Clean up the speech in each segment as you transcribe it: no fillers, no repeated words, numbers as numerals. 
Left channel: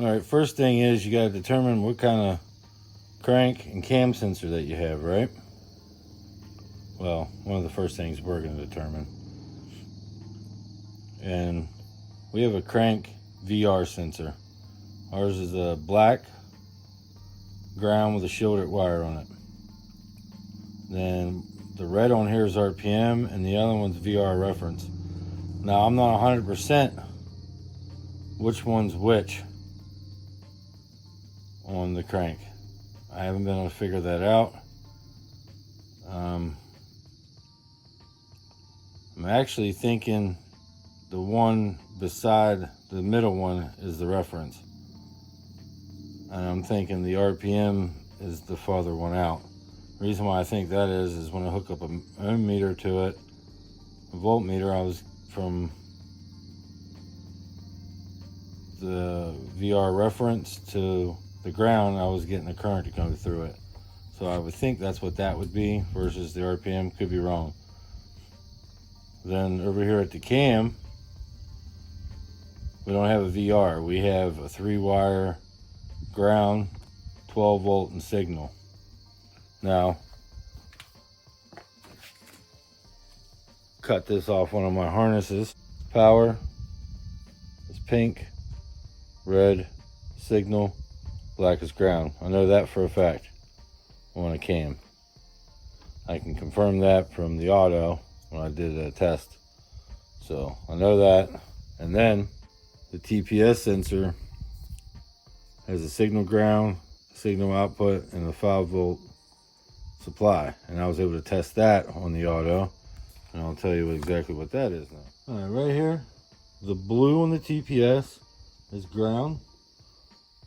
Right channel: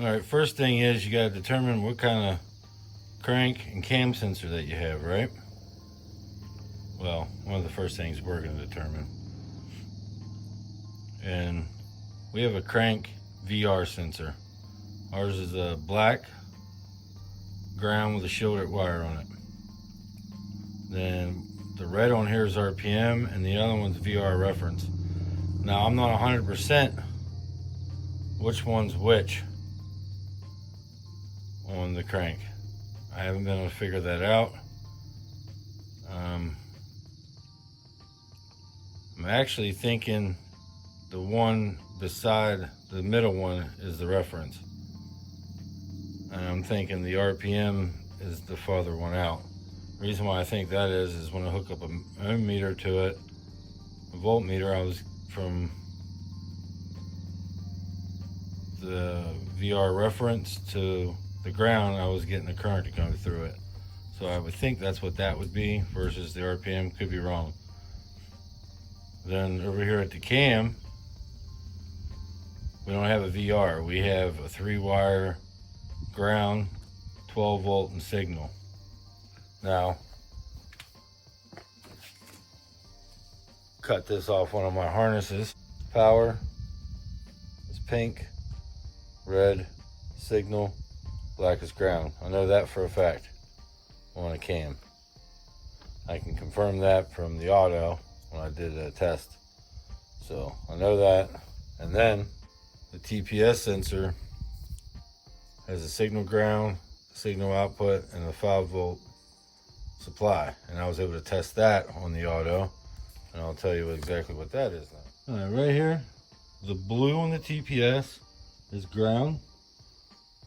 Alright, first thing is you gotta determine what kind of crank and cam sensor that you have, right? Well, one of the first things we're gonna determine. And we have a crank VR sensor. Ours is a black ground with a shielded wire on it. Then the red on here is RPM and the other one's VR reference. Now I'm not 100% which one's which on the crank. I haven't been able to figure that out. I'm actually thinking the one beside the middle one is the reference. And I'm thinking the RPM is the farther one out. The reason why I think that is when I hook up an ohm meter to it, a voltmeter, I was from the VR reference to the ground, I was getting the current to come through it. So I would think that's what that would be versus the RPM. Could be wrong. Then over here at the cam, we don't have a VR. We have a 3-wire ground, 12 volt and signal. Now, cut this off one of my harnesses. Power is pink, red signal, black is ground. I know that for a fact on a cam. I can confirm that from the auto when I did a test. So I know that. And then the TPS sensor has a signal ground, signal output, and a 5-volt supply. And I was able to test that on the auto. And I'll tell you exactly what that is now. All right, right here, the blue on the TPS is ground.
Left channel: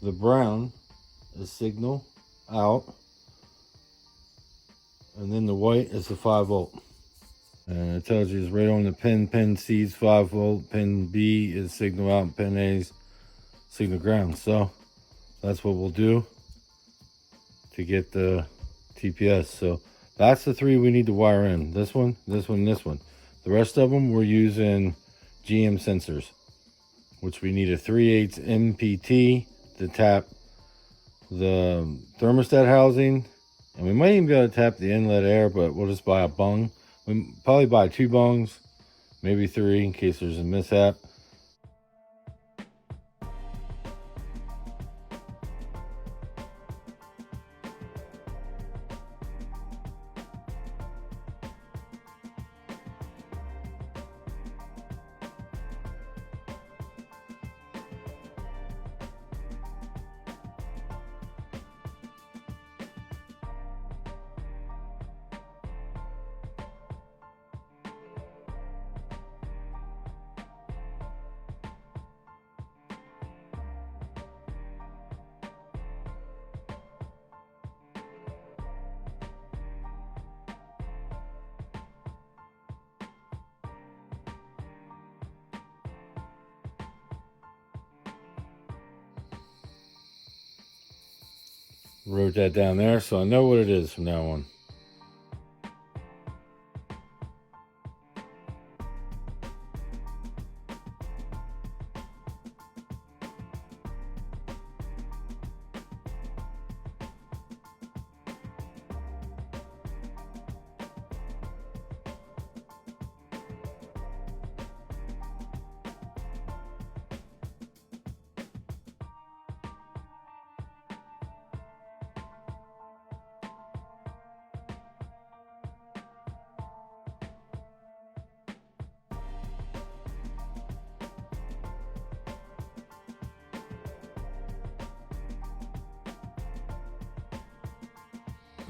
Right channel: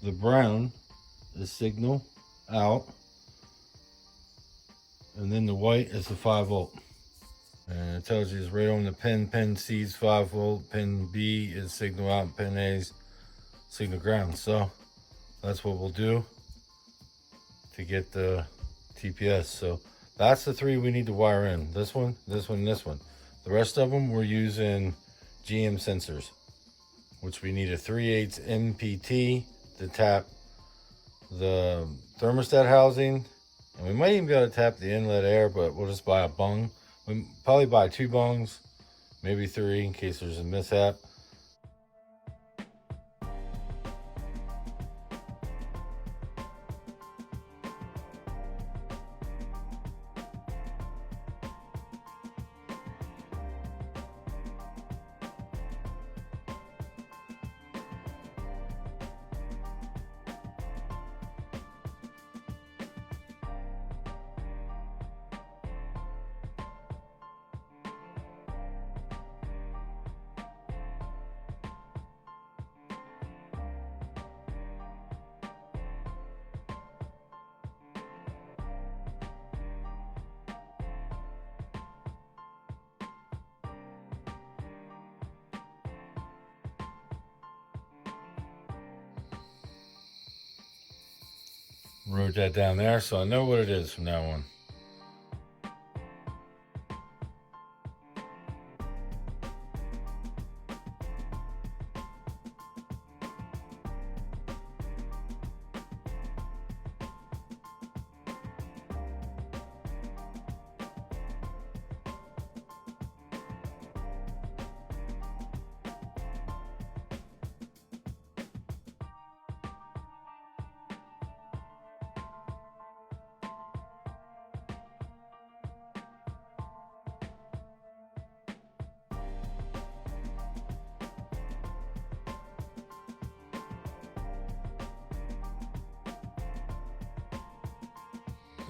The brown is signal out. And then the white is the 5-volt. And it tells you it's right on the pin. Pin C is 5-volt, pin B is signal out, and pin A is signal ground. So that's what we'll do to get the TPS. So that's the 3 we need to wire in. This one, this one, and this one. The rest of them we're using GM sensors, which we need a 3/8 MPT to tap the thermostat housing. And we might even be able to tap the inlet air, but we'll just buy a bung. We'll probably buy 2 bungs, maybe 3 in case there's a mishap. Wrote that down there so I know what it is from now on.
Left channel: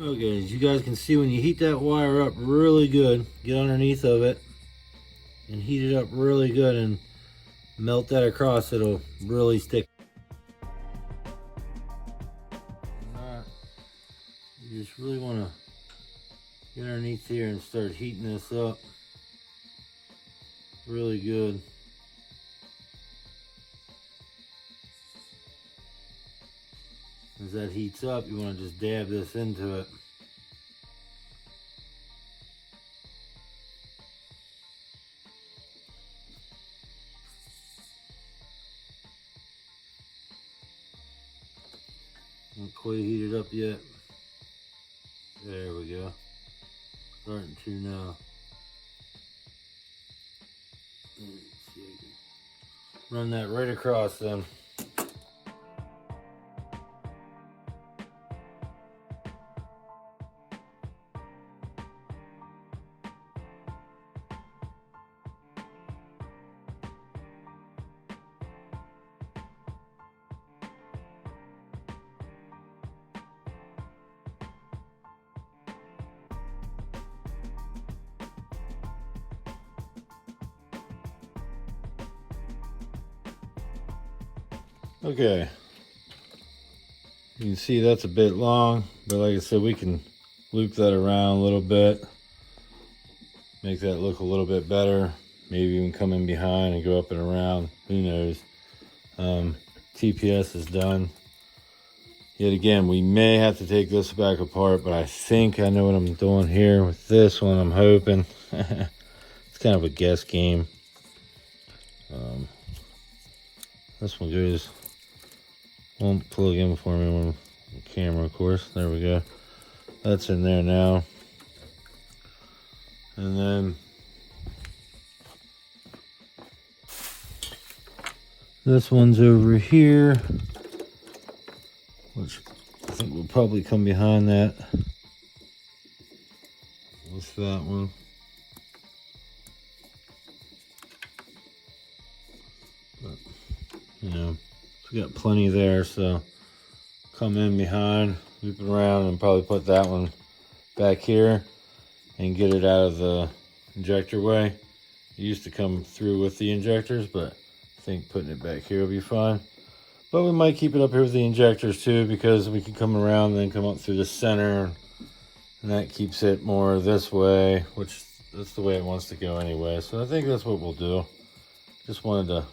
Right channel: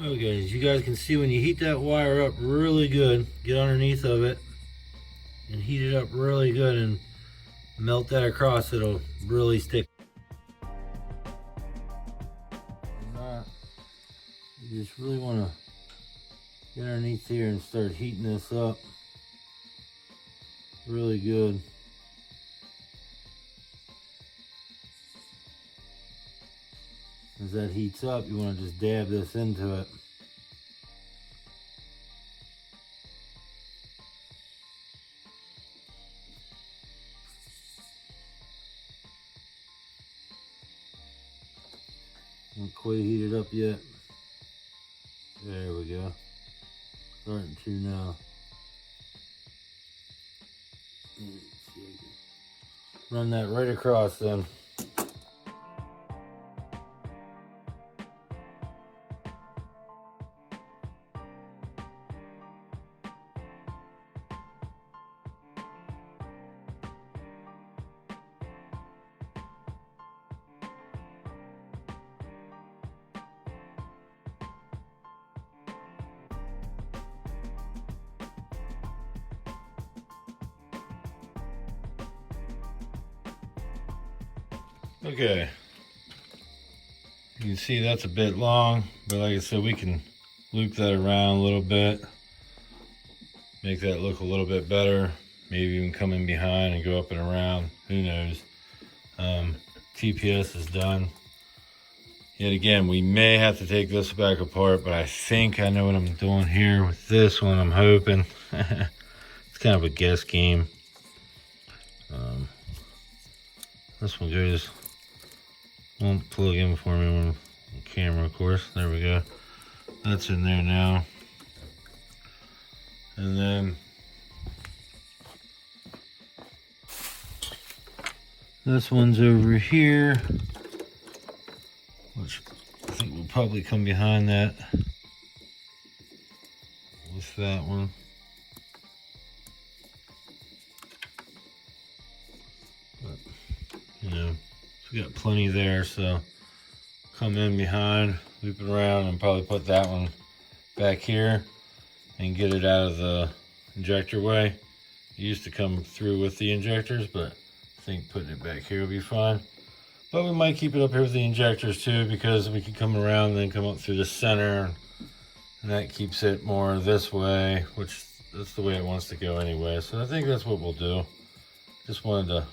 Okay, as you guys can see, when you heat that wire up really good, get underneath of it and heat it up really good and melt that across, it'll really stick. You just really want to get underneath here and start heating this up really good. As that heats up, you want to just dab this into it. Not quite heated up yet. There we go. Starting to now. Let's see, I can run that right across then. Okay, you can see that's a bit long, but like I said, we can loop that around a little bit, make that look a little bit better, maybe even come in behind and go up and around, who knows. TPS is done. Yet again, we may have to take this back apart, but I think I know what I'm doing here with this one, I'm hoping. It's kind of a guess game. This one goes, won't plug in for me on the camera, of course. There we go. That's in there now. And then this one's over here, which I think will probably come behind that with that one. But, you know, we got plenty there, so come in behind, loop it around, and probably put that one back here and get it out of the injector way. It used to come through with the injectors, but I think putting it back here will be fine. But we might keep it up here with the injectors too, because we can come around and then come up through the center, and that keeps it more this way, which that's the way it wants to go anyway. So I think that's what we'll do. Just wanted to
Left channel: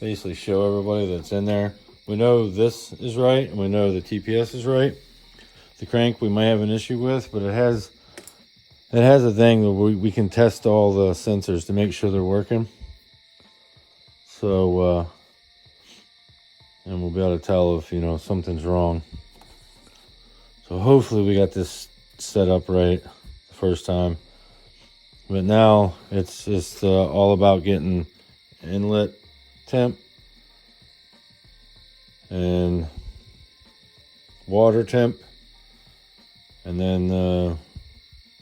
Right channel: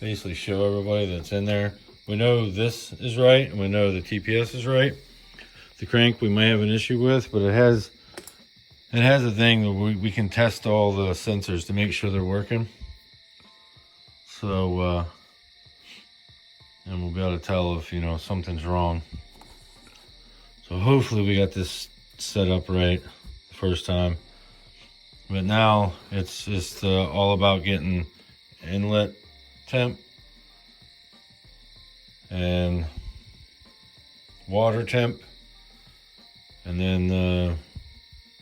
basically show everybody that's in there. We know this is right, and we know the TPS is right. The crank we might have an issue with, but it has a thing that we can test all the sensors to make sure they're working. So, and we'll be able to tell if, you know, something's wrong. So hopefully we got this set up right the first time. But now it's just all about getting inlet temp and water temp, and then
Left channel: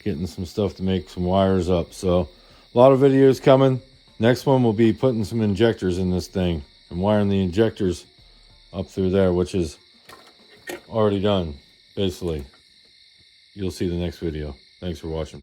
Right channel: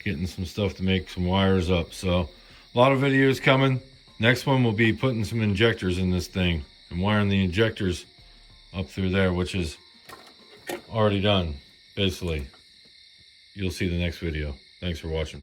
getting some stuff to make some wires up. So a lot of videos coming. Next one will be putting some injectors in this thing and wiring the injectors up through there, which is already done basically. You'll see the next video. Thanks for watching.